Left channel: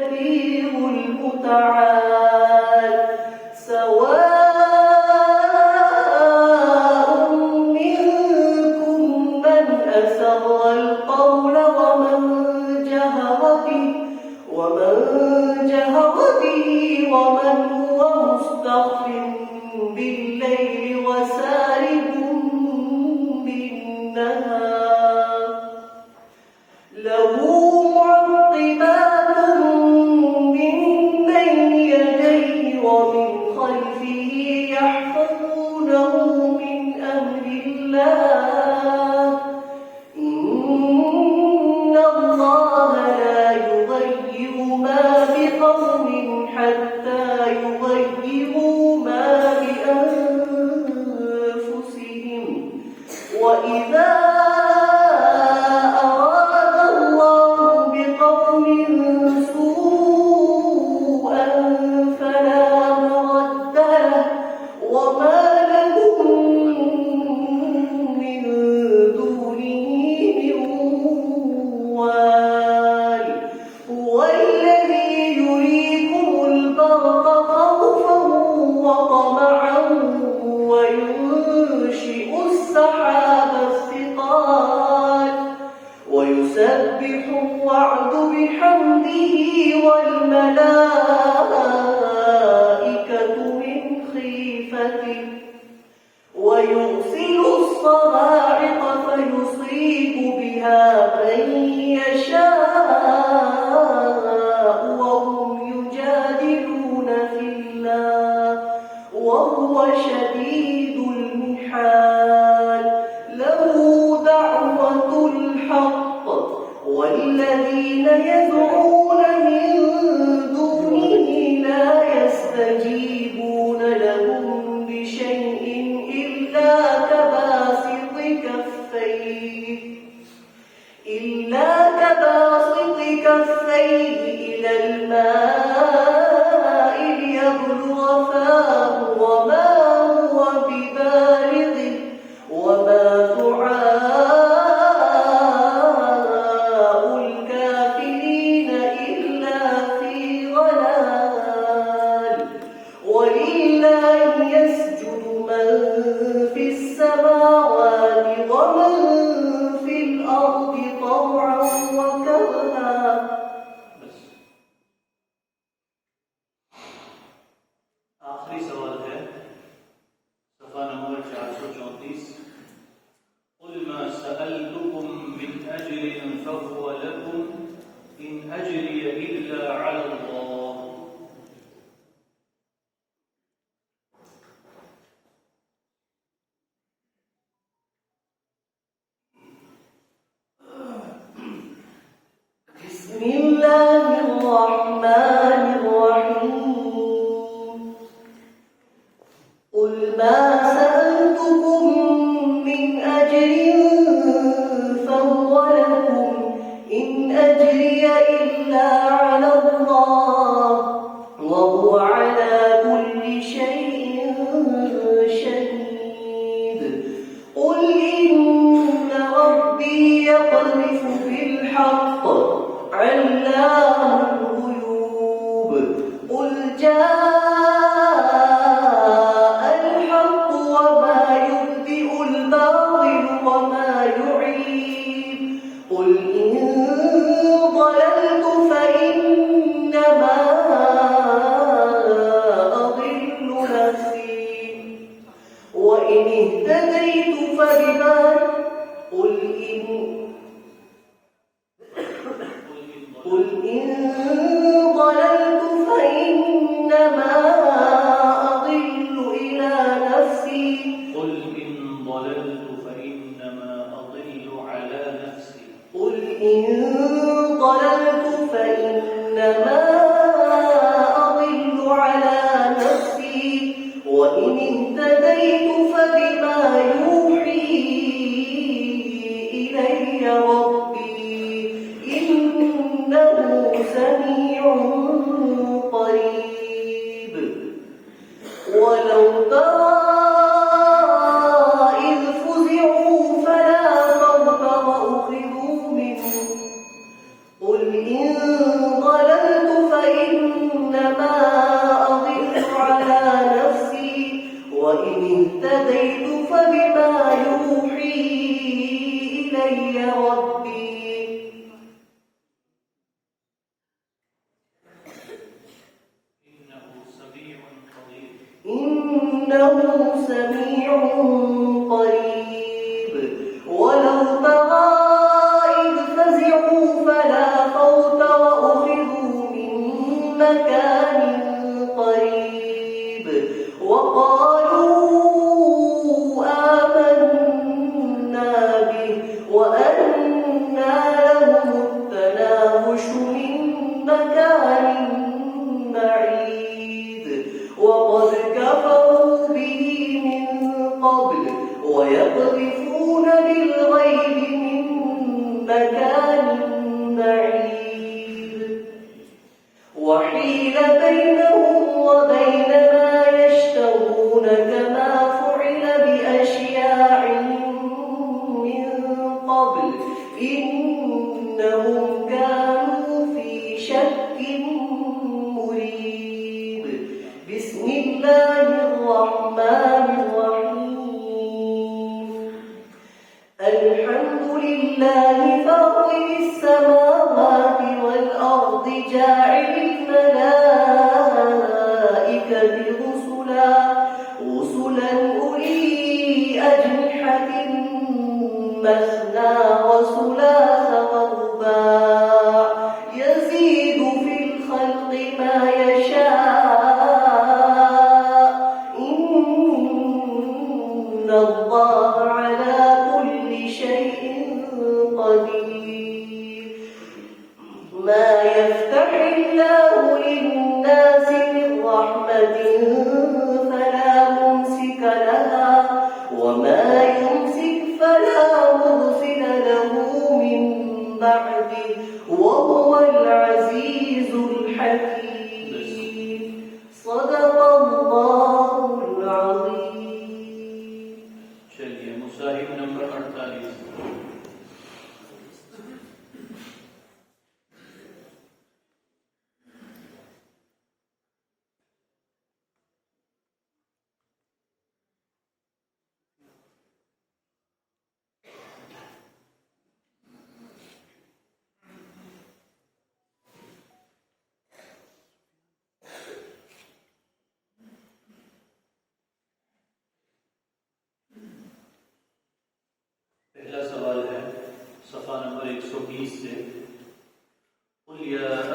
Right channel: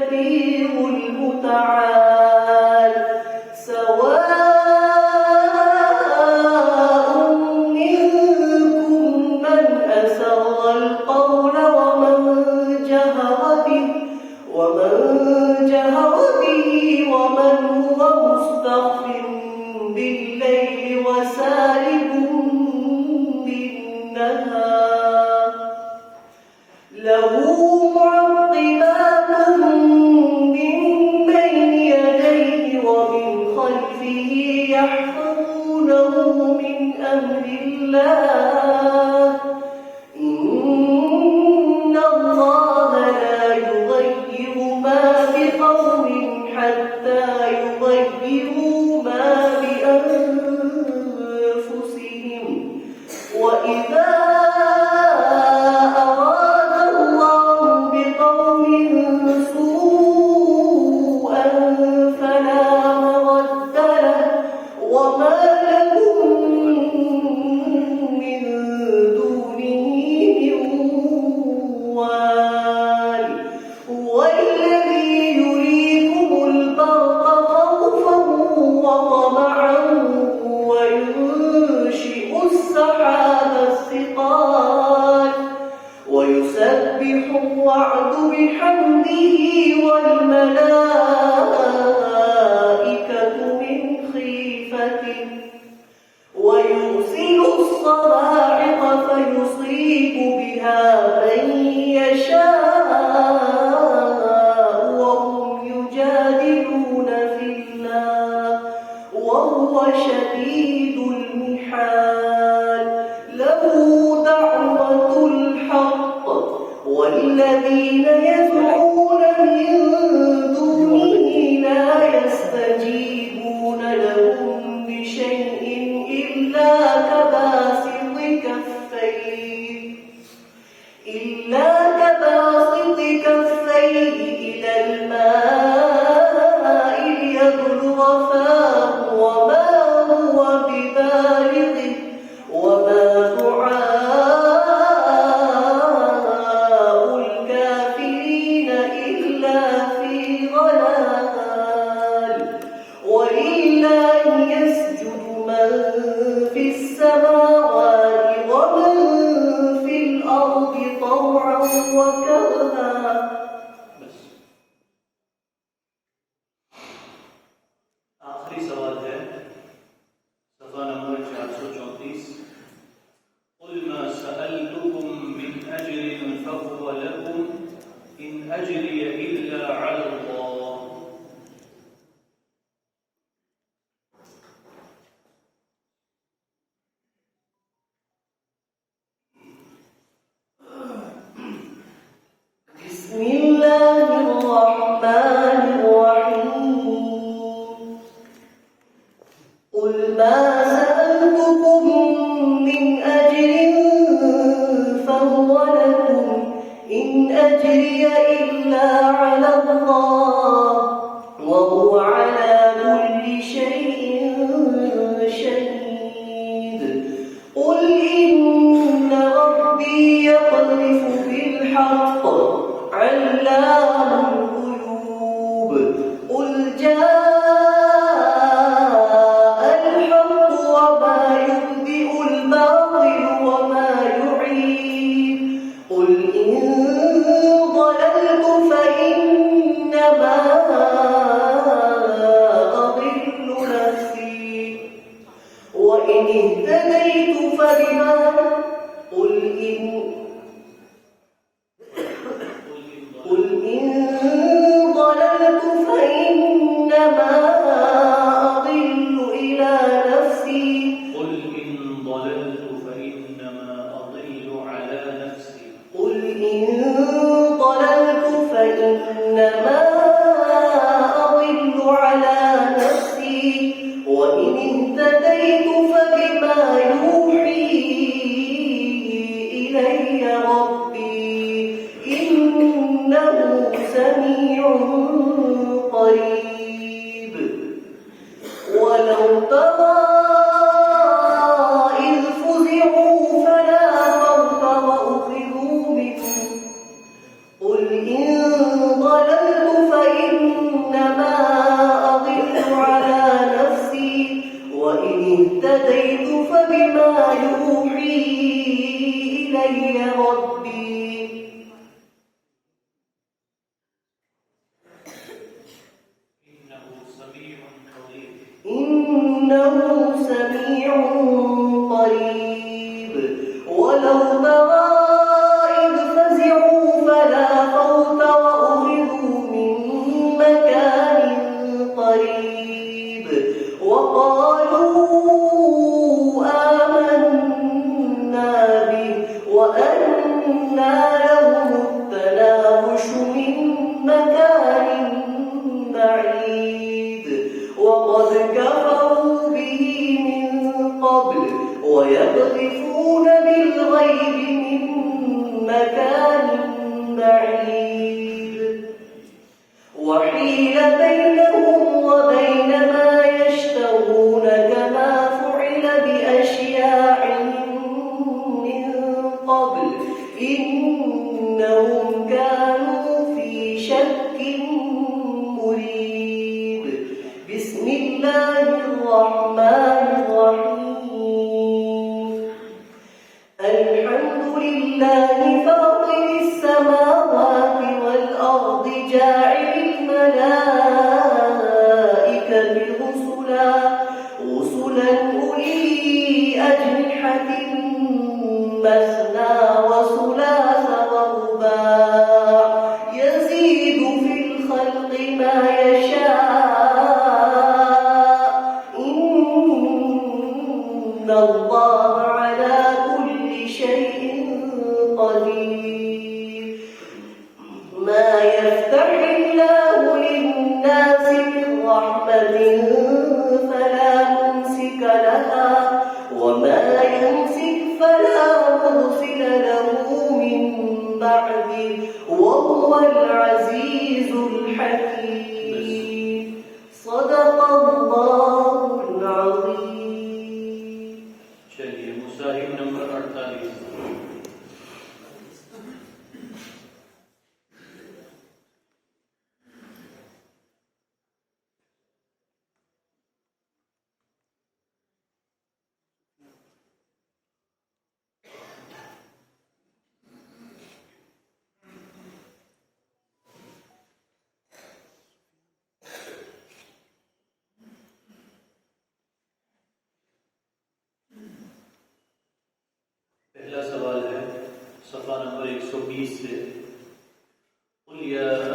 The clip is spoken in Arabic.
التبليغ المتعال سواء منكم من أسر القول ومن جهر به ومن هو مستخف بالليل وسارب بالنهار له معقبات من بين يديه ومن خلفه يحفظونه من أمر الله إن الله لا يغير ما بقوم حتى يغيروا ما بأنفسهم وإذا أراد الله بقوم سوءا فلا مرد له وما لهم من دونه من وال هو الذي يريكم البرق خوفا وطمعا وينشئ السحاب الثقال ويسبح الرعد بحمده والملائكة من خيفته ويرسل الصواعق فيصيب بها من يشاء وهم يجادلون في الله وهو شديد المحال له دعوة الحق والذين يدعون من دونه لا يستجيبون لهم بشيء إلا كباسط كفيه إلى الماء ليبلغ فاه وما هو ببالغه وما دعاء الكافرين إلا في ضلال ولله يسجد من في السماوات ومن في الأرض طوعا وكرها. आखिरी सवाल है सफ़ा नंबर 434 قل ما سألتكم من أجر فهو لكم إن أجري إلا على الله بسم الله الرحمن الرحيم قل ما سألتكم من أجر فهو لكم إن أجري إلا على الله وهو على كل شيء شهيد قل إن ربي يقذف بالحق علام الغيوب قل جاء الحق وما يبدئ الباطل وما يعيد قل إن ضللت فإنما أضل نفسي وإن اهتديت فبما قل إن ضللت فإنما أضل إلى نفسي قل إن ضللت فإنما أضل على نفسي قل إن ضللت فإنما أضل على نفسي وإن اهتديت فبما يوحي إلي ربي إنه سميع قريب ولو ترى إذ فزعوا فلا خوف وأخذوا منه قل إن ضللت إنه سميع قريب ولو ترى إذ فزعوا فلا فوت وأخذوا من مكان قريب وقالوا آمنا به وأنى لهم التناوش من مكان بعيد وقد كفروا به من قبل ويقذفون بالغيب من مكان بعيد وحيل بينهم وبين ما يشتهون كما فعل بأشياعهم من قبل إنهم كانوا في شك مريب بسم الله الرحمن الرحيم الحمد لله فاطر السماوات والأرض جاعل الملائكة